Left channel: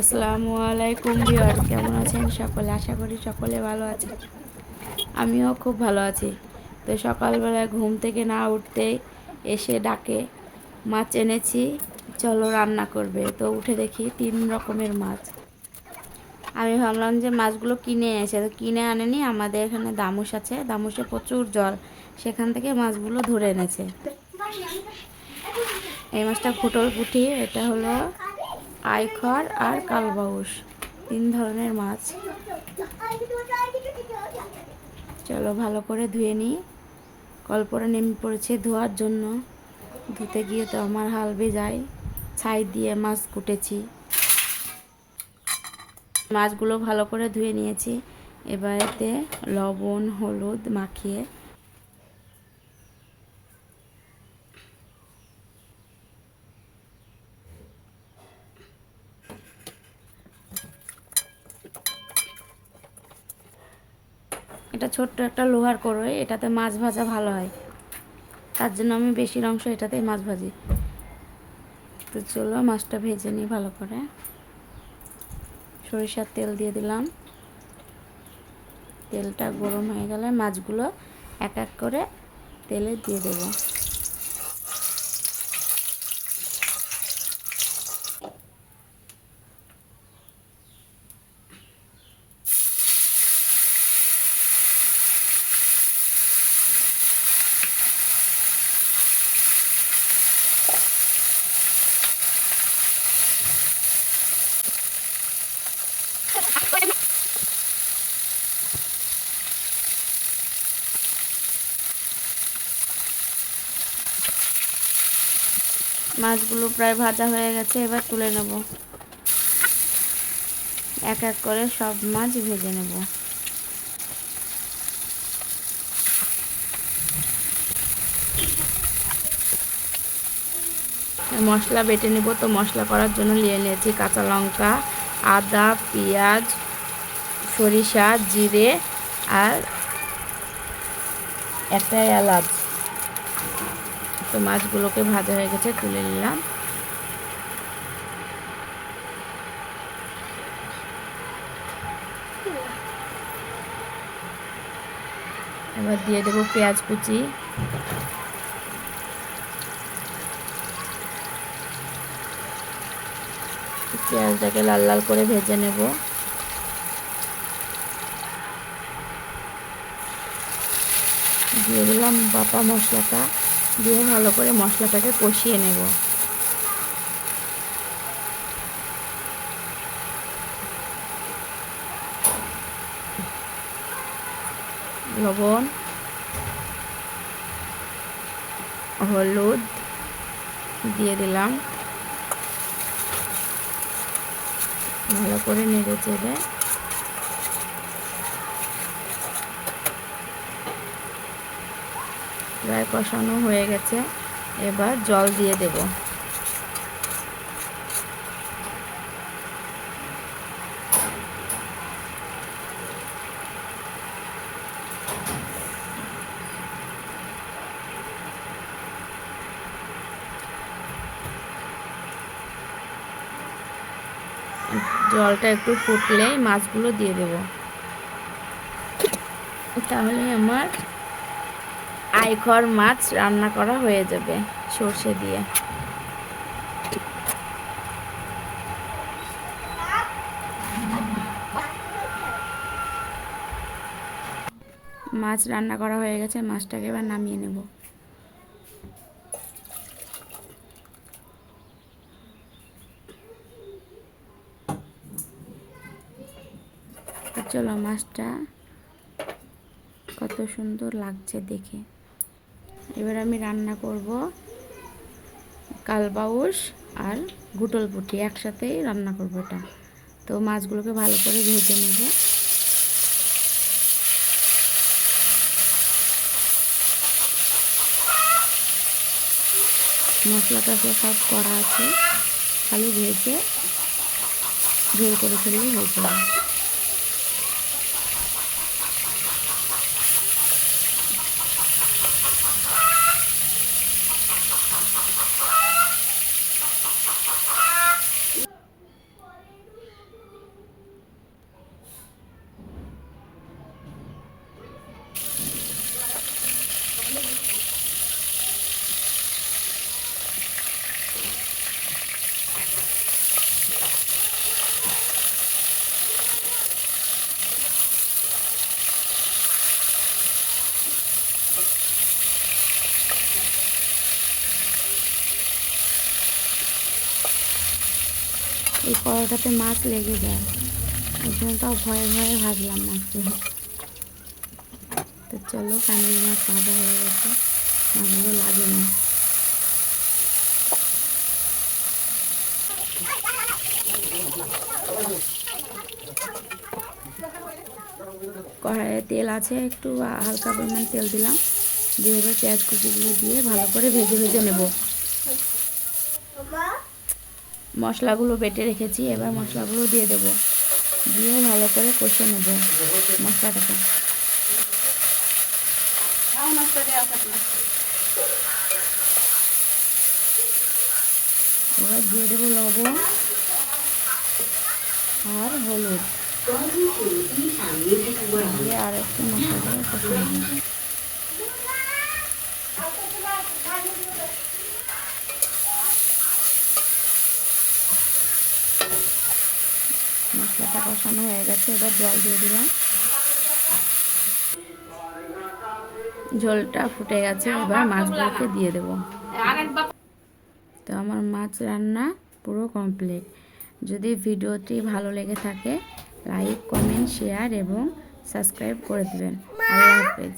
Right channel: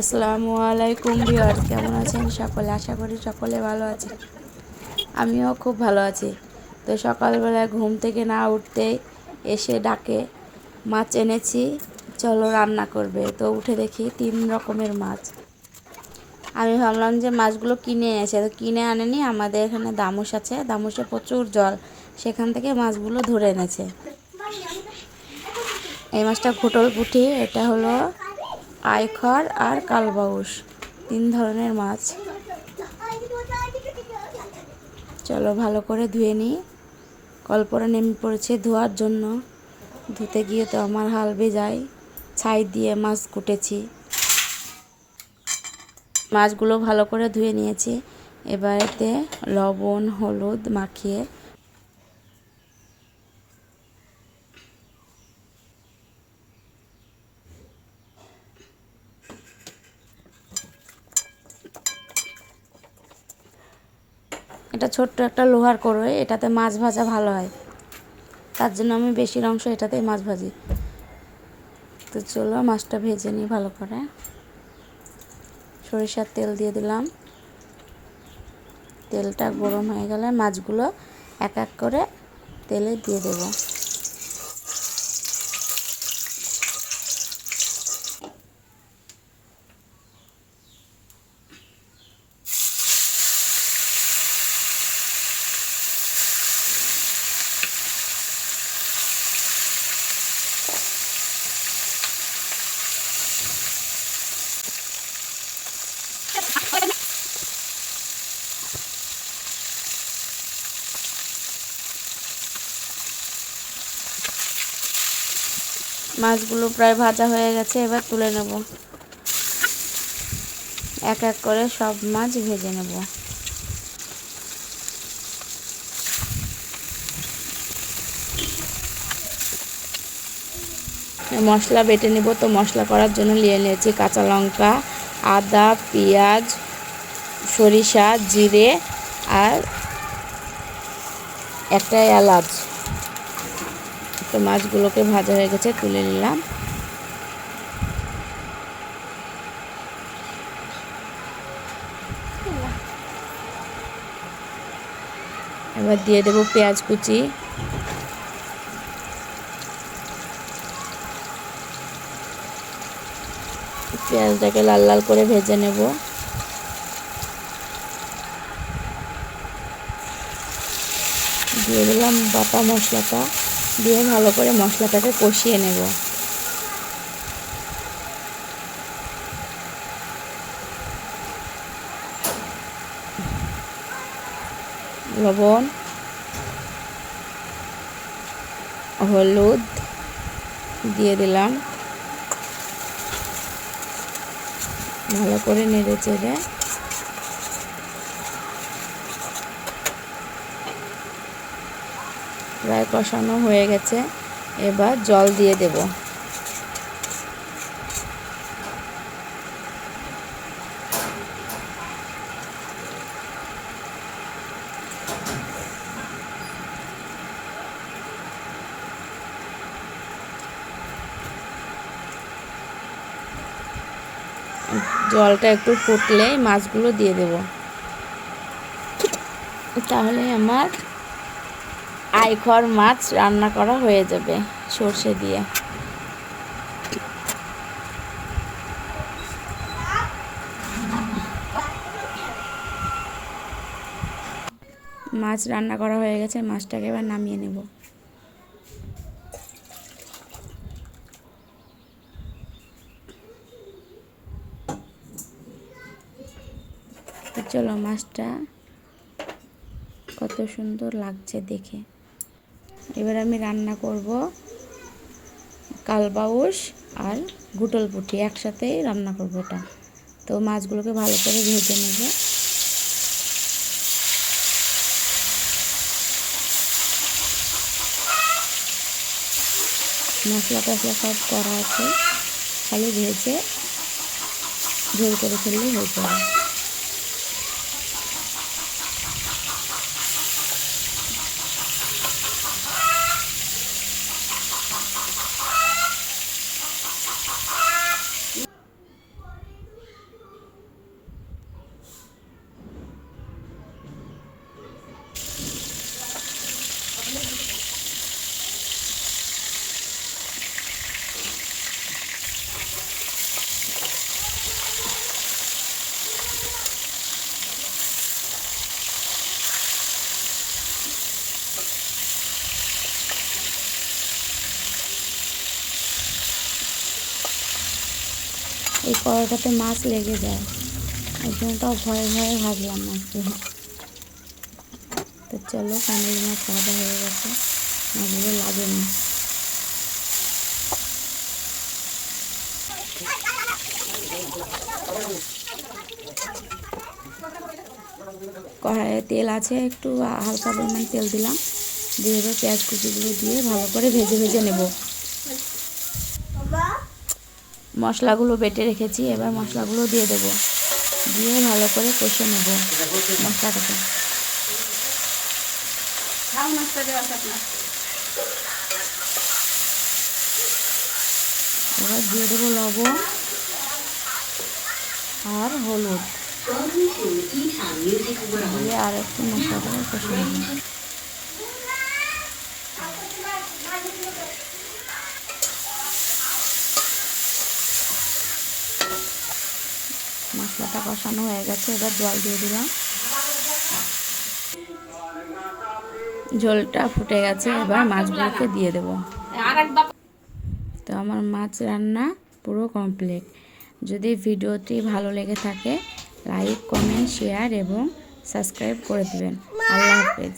আসসালামু আলাইকুম ভিউয়ার্স, কেমন আছেন সকলে? আশা করি সকলে ভালো আছেন। আমিও খুব ভালো আছি। তো সকালবেলা ঘুম থেকে না উঠতে এসে ডাকে, মাছ এনেছি, চলো রান্না করবে। তো উঠে দেখি তিন রকমের মাছ। আমি ভাবলাম যে মাছগুলো কিনে এনেছে। তো কিনে আনেনি, আমাদের এখানে দামুস আছে। দামুসে প্রচুর জল। সেখান থেকে মাছগুলো ধরে এনেছে। এই মাছটা ঘুটল পুঁটি এটা হলো আইখর আর কালবাউস, তিন ধরনের মাছ। চলো ভালো করে ধুয়ে নিই। কল্পনা নেমে পড়েছে ধোয়ার জন্য। ধুতে গিয়ে তো আমার হাল বেজায়। ছাই দিয়ে মাছ কুটেছি। মাছগুলো ভালো করে ধুয়ে নিয়েছি। এবারেতে লবণ, হলুদ মাখিয়ে এটা ছোট্ট একটা লোহার করোয় এটাতে মাছ ভাজা ভালো হয়। তার জন্য আমি বেশির অংশ এটাতেই মাছ ভাজি। তো চলো মাছটা ভেজে নিই ভালো করে। সরিষার তেল দিয়ে দিলাম। তেলটা গরম হয়ে গেলে মাছগুলো এক এক করে তেলে দিয়ে দেবো। মাছগুলো প্রায় ভাজা হয়ে গেছে, এবার তুলে নেব। এক এক করে সব মাছ ভেজে নেব। মশলা বেটে নেব তো মশলা করার জন্য নিয়ে নিয়েছি কাঁচা লঙ্কা, আদা, পেঁয়াজ, সরিষা, জিরে আর একটা এলাচ। তো মাছগুলোকে ভাজা হয়ে গেছে, তুলে নিলাম। এবার দিয়ে দেবো পেঁয়াজ কুচি। পেঁয়াজটাকে লাল লাল করে ভেজে নেব। দিয়ে দিলাম বাটা মশলাটা। দিয়ে ভালো করে মশলাটাকে কষিয়ে নেব। লবণ হলুদ দিয়ে দিলাম। ভালো করে নেড়ে চেড়ে প্রায় কষানো হয়ে গেছে। এবার জল দিয়ে দেব। জলটা একটু ফুটলে মাছগুলো দিয়ে দেব। তাহলে আমার আইখর মাছ রান্না করা হয়ে যাবে সর্ষে দিয়ে। মাছ রান্না করা হয়ে গেছে, মাছটাকে এবার নামিয়ে নেব। চলো মাছটা কত সুন্দর লাগছে দেখে। এবার আমি রান্না করব কালবাউস আর গুটল পুঁটি একসাথেই রান্না করব এটা। তো মাছগুলোকে ভালো করে ভেজে নেব। মশলা টশলা সব করা আছে, খালি ভেজে ঝোল করে ফেললে হয়ে যাবে। এই কড়াটাতে মাছ লেগে যায়। ওই জন্য তাও ভয়ে ভয়ে ভাজলাম মাছগুলো তো চলো কানের মাছ ভাজা হয়ে গেছে। মাছগুলো লাগে না। কড়াইয়ে তেল আছে, একটু হালকা পরিমাণ তেল দিলাম। দিয়ে এবার পেঁয়াজ কুচিগুলো দিয়ে ভালো করে ভেজে ভেজে নেব। মশলাগুলো বেটে রেখেছি, এবার মশলাগুলো দিয়ে দেব। দিয়ে ভালো করে কষে নেব মশলাটাকে। এবার দিয়ে দেবো লবণ আর হলুদ। দিয়ে আর একটু মশলাটাকে কষে নেব। মশলাটা কষানো হয়ে গেছে, এবার জল দিয়ে দিলাম। ঝোলটা ফুটে গেছে, এবার মাছগুলোকে দিয়ে দেব। তো আমার মাছ রান্না পুরো কমপ্লিট। যদি ভিডিওটি ভালো লেগে থাকে, লাইক, কমেন্ট, শেয়ার এবং সাবস্ক্রাইব করে দেবেন। আল্লাহ হাফেজ।